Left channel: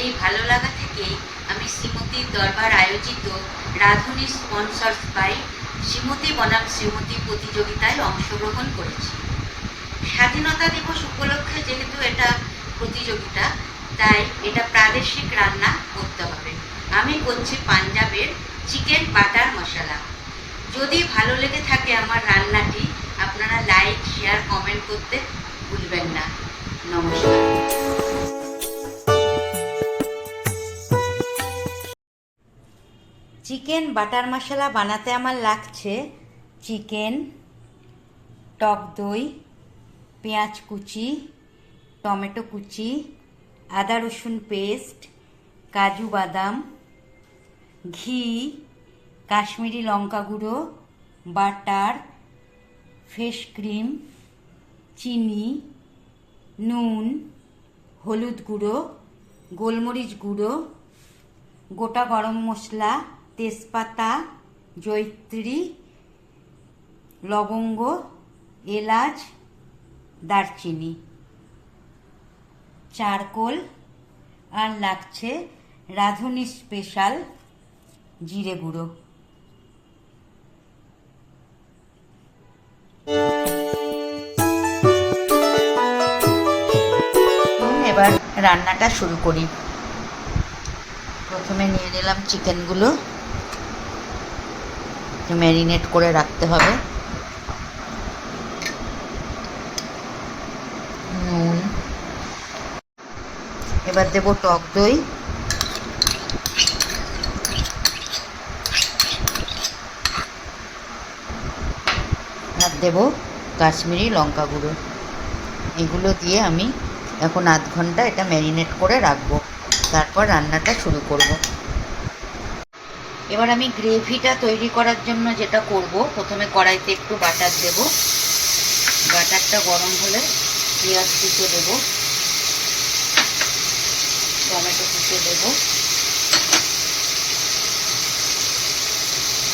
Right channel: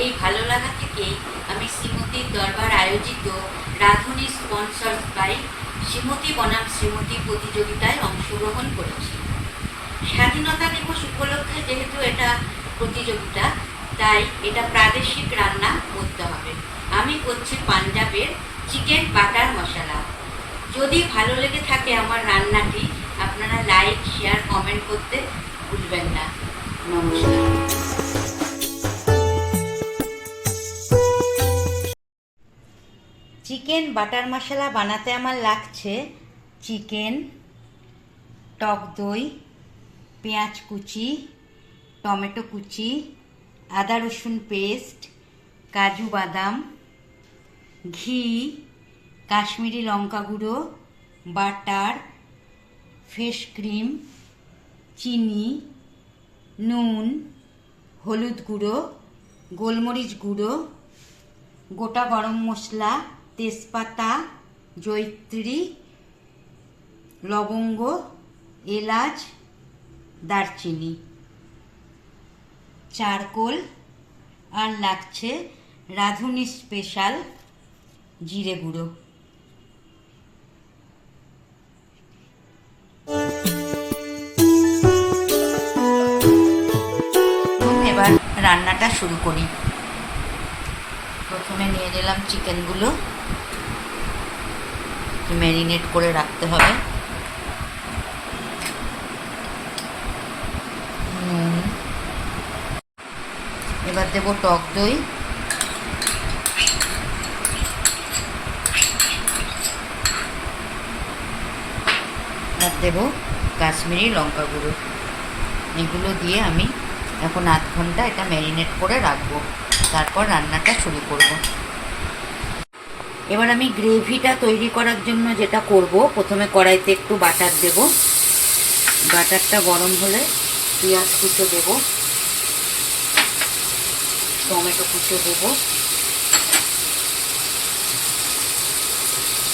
এই ভালো লাগা থেকেই আমি শ্রীমতীর দরবার আয়োজিত রাধুনী স্পন্সর্স বাই শ্রীমতী বনাম শ্রীমতী প্রতিযোগিতায় অংশগ্রহণ করেছি। স্বাধীনতা দিবস উপলক্ষে যেহেতু এটা প্রতিযোগিতা, তাই এটা প্রাদেশিক রান্না করতে হবে। আমি করছি পাঞ্জাবের চিকেন বাটার মশলা। যদি ভালো লেগে থাকে আমার রান্নাটি, আপনারা লাইক, শেয়ার, কমেন্ট করতে ভুলবেন না। নমস্কার। চিকেন বাটার মশলা বানাতে আমার লাগছে চিকেন, টক দই, পেঁয়াজ কুচি, টমেটো কুচি, আদা রসুন পেস্ট, কাজু বাদাম, ঘি, কাশ্মীরি লঙ্কা গুঁড়ো, বাটার ফেস ক্রিম, চিনি, নুন, হলুদ গুঁড়ো, গোলমরিচ গুঁড়ো, গোটা গরম মশলা তেজপাতা জৈত্রী লবঙ্গ, এলাচ, দারচিনি। চারকোল আর লাগছে রাঁধুনি স্পেশাল জিরে গুঁড়ো। এবার রান্নাটা শুরু করি। প্রথমে নিয়ে নিলাম চিকেনগুলো। ম্যারিনেট করে রাখতে হবে। এবার দেবো টক দই। আর দেবো কাশ্মীরি লঙ্কা গুঁড়ো। এগুলো দিয়ে আমি এখন আধ ঘণ্টা এটা ম্যারিনেট করে রাখব। তারপর রান্নাটা শুরু করব। এবার আমি গ্রেভিটা তৈরি করার জন্য যেটা করব, প্রথমে কড়াইতে একটু বাটার দেব। বাটারটা গরম হলে পেঁয়াজ কুচো দেবো, টমেটো কুচো দেবো,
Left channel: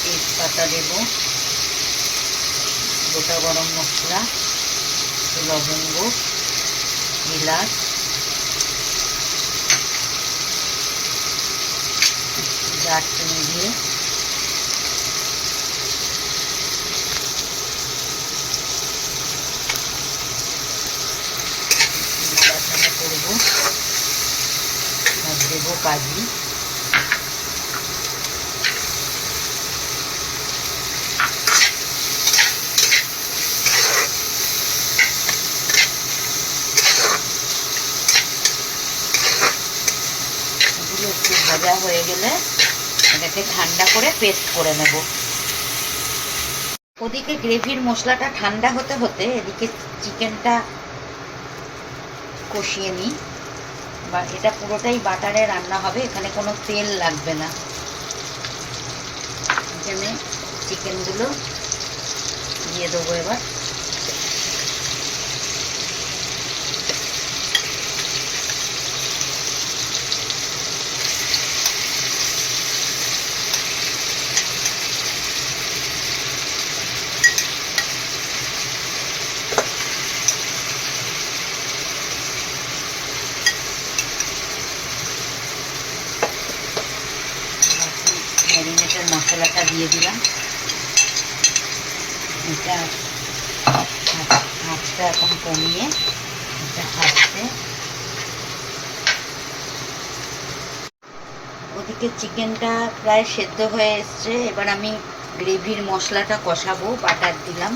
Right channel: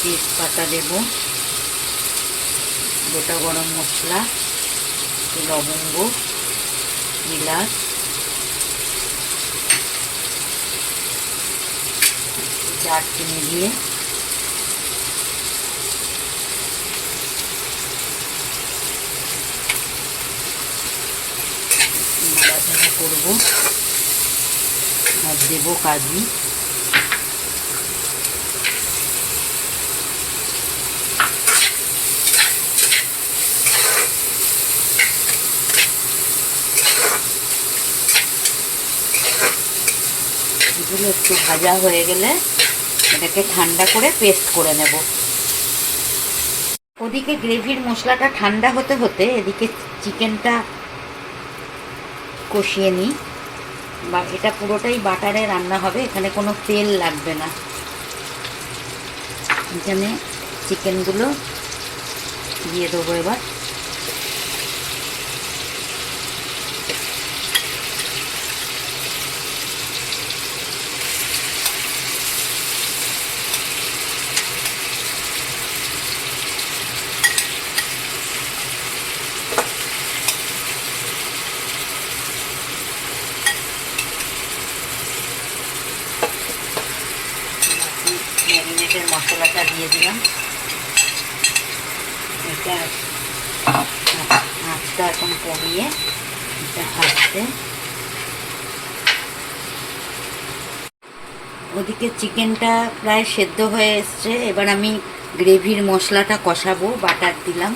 তেজপাতা দেবো, গোটা গরম মশলা, লবঙ্গ, এলাচ দারচিনি দিয়ে নাড়াচাড়া করব আর দেবো কাজু এগুলো একটু ভাজা হয়ে গেলে এটাকে ঠান্ডা করে পেস্ট করে নেব। ওদিকে গ্রেভির মশলাটা ঠান্ডা হতে হতে এদিকে চিকেনটা কষিয়ে নিই। বা এটা পুরোটাই বাটারে রান্না হবে, এখানে কোনো তেল লাগবে না। এখানে চিকেনগুলো দিয়ে দেবো এবার। ম্যারিনেটের মশলাটা দিয়ে দিলাম। এটা আঁচটা এখন কমিয়ে এটা আস্তে ওদিকে চিকেনটা প্রায় সেদ্ধ হয়ে এসছে। এবার আমি গ্রেভির মশলাটা কষাবো, বাটার দিলাম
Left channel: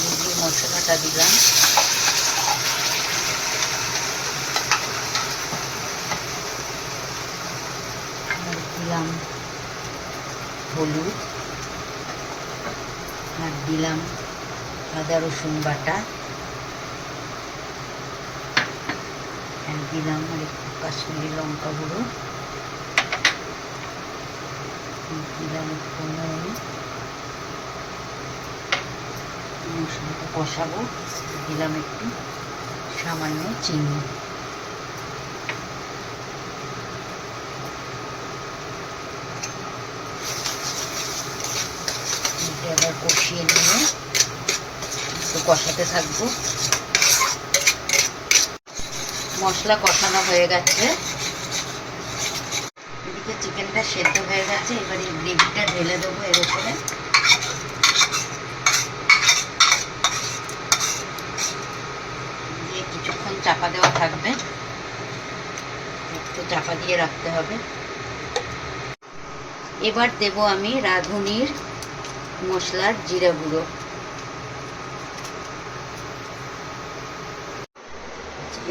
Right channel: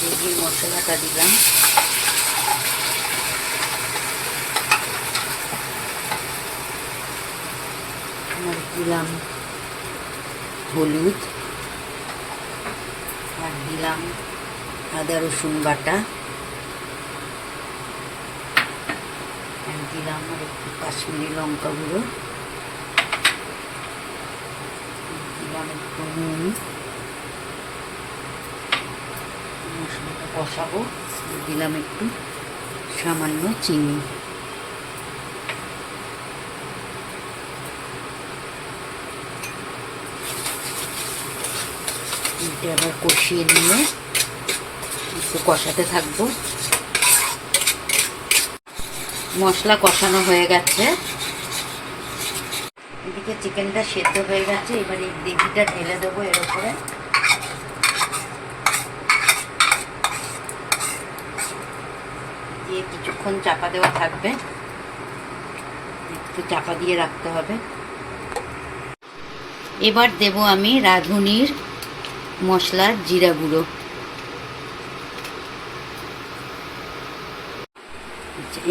গ্রেভির মশলাটা দিলাম। দিলাম হলুদ। আর দিলাম আদা, রসুন বাটা। আর দিলাম একটু কাশ্মীরি লঙ্কা গুঁড়ো দিলাম একটু নুন মশলাটা কষাবো। দিলাম একটু সামান্য চিনি। আবার কষিয়ে নিয়ে একটু কষাতে থাকব। মশলা কষানো হয়ে গেছে। এদিকে চিকেনটা সেদ্ধ হয়ে গেছে, এবার এই গ্রেভিটা ঢেলে দেবো এর উপরে দিয়ে কিছুক্ষণ চাপা দেওয়া থাকবে। একটু চাপা দিয়ে রাখতে হবে। এবার দেব আমি রাঁধুনির মশলার জিরা গুঁড়ো।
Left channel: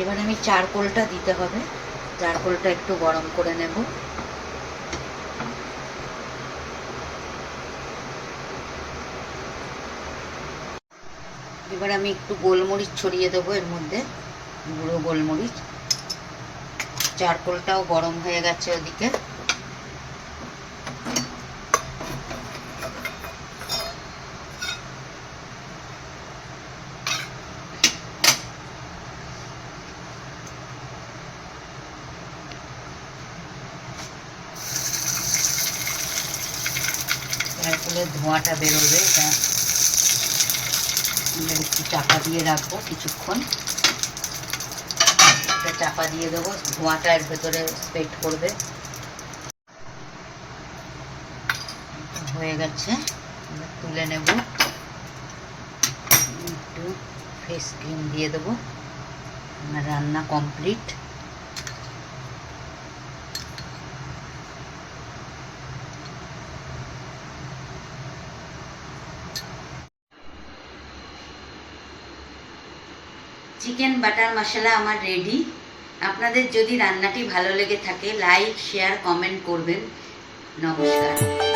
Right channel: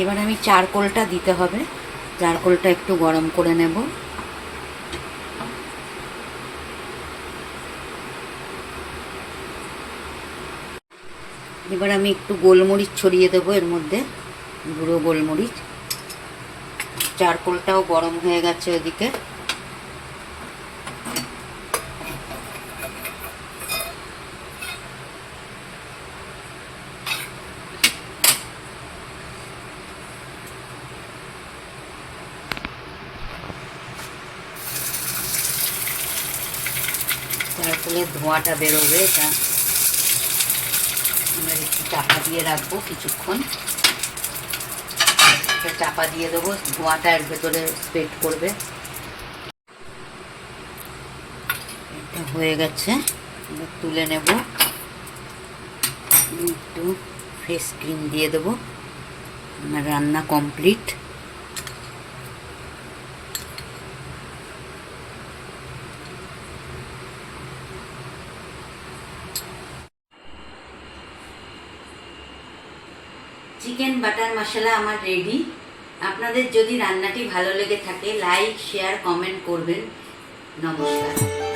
এবার আমি চারকোলটা দিতে হবে। চারকোলটা একটু গরম করে নেব। এবার আমি একটু গোলমরিচ ছড়িয়ে দেবো এর মধ্যে। গুঁড়ো গোলমরিচ। চারকোলটাও গরম হয়ে গেছে ওদিকে। ধোঁয়াটা বেরোবে, এটা আমরা একটু চাপা দিয়ে রাখব কিছুক্ষণ। এটা চাপা দিয়ে দেবো, ধোঁয়াটা এর ভেতরে স্প্রেড করবে। হয়ে গেছে তুলে নেব। একটু ফ্রেশ ক্রিম দিয়ে দেবো। রান্না কমপ্লিট চিকেন বাটার মশলা আমার রেডি আপনাদের যদি রান্নাটি ভালো লেগে থাকে লাইক শেয়ার কমেন্ট করবেন। নমস্কার।